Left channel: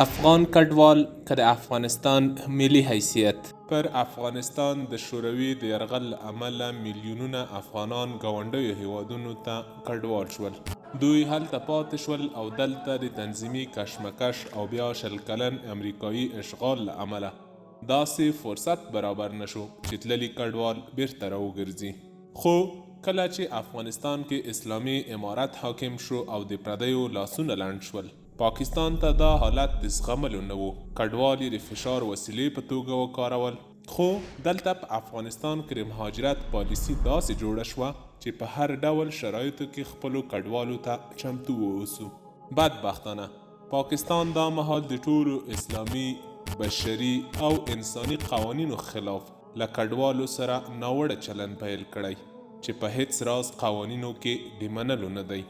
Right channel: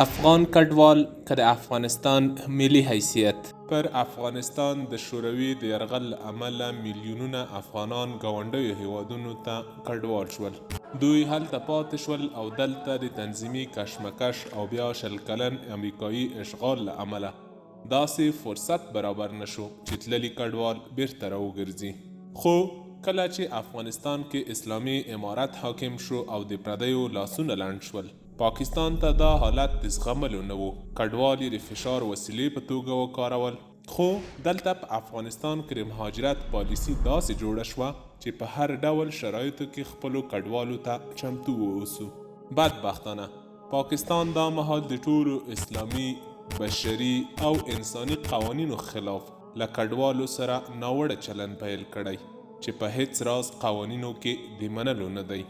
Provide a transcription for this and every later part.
افغان کډوال که د افغانستان ملي حیثیت. پر افغانستان د شوروي د یرغل له امله میلیونونه افغانان ګاونډیو هیوادونو ته کډوال شول. دوی هلته پاتې شول او دلته د تنظیمي کشمکش او بیا شل کلن امریکایي اشغال له امله داسې فرصت برابر نشو چې تللي کډوال بیرته راوګرځي. خو کله چې افغانستان کې اسلامي امارت حاکم شو او د پردیو لاسونه لنډ شول، پاکستان ته دا حالت د زغملو نه و. کډوال یې د فشار وسیلې په توګه وکارول. خو دلته په افغانستان کې د مهاجرت پالیسي داسې جوړه شوه چې په هر ډول شرایطو کې خپلو کډوالو ته چمتو واوسو. بدبختانه پاکستان دا مهال د ټولو اسلامي، بشري او انساني قوانینو خلاف له کډوالو سره ناوړه چلن پیل کړی چې په هیڅ راز قوانینو کې د منلو نه دی.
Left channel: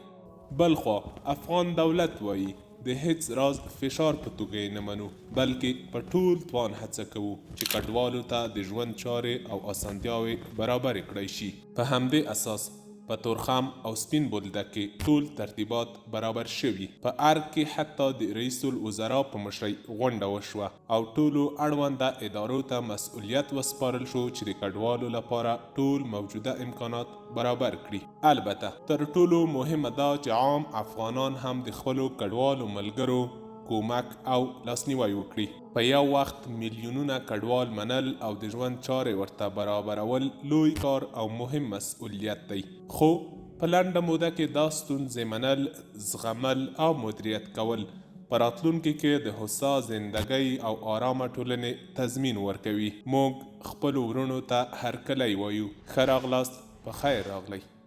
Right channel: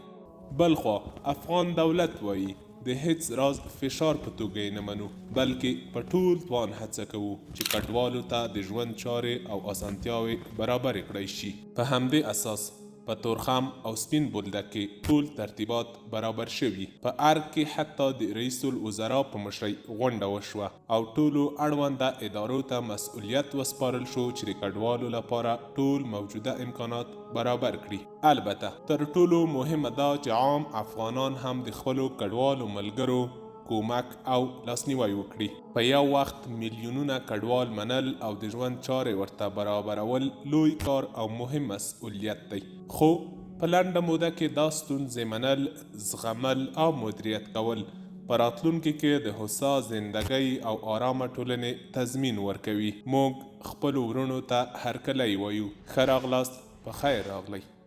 بلخوا افغان دولت وایي د هیڅ راز فشار په توګه یې نه منو، بلکې په ټول توان هڅه کوو چې کډوالو ته د ژوند چارې او اسانتیاوې برابرې کړای شي. په همدې اساس په تورخم او سپین بولدک کې ټول ترتیبات برابر شوي. په ارګ کې حتی د رئیس الوزرا په مشرۍ غونډه وشوه او ټولو اړونده ادارو ته مسؤلیت وسپارل شو چې د کډوالو لپاره ټول موجوده امکانات برابر کړي. البته تر ټولو مهمه دا چې عام افغانان هم د خپلو کډوالو ملګرو کومک او لاسنیوی وکړي. په یو وخت میلیونونه کډوال منل او د ژوند چارې ورته برابرول لوی کار او مهم مسؤلیت دی. خو په لنډه موده کې دا ستونزې منل، زغمل او مدیریت کول په راتلونکي کې د هوسا زندګۍ او آرامه ټولنې تضمین ورکوي. موږ خپلو ورونو ته هرکلی وایو. ښه راغلاست، په خیر راغلی.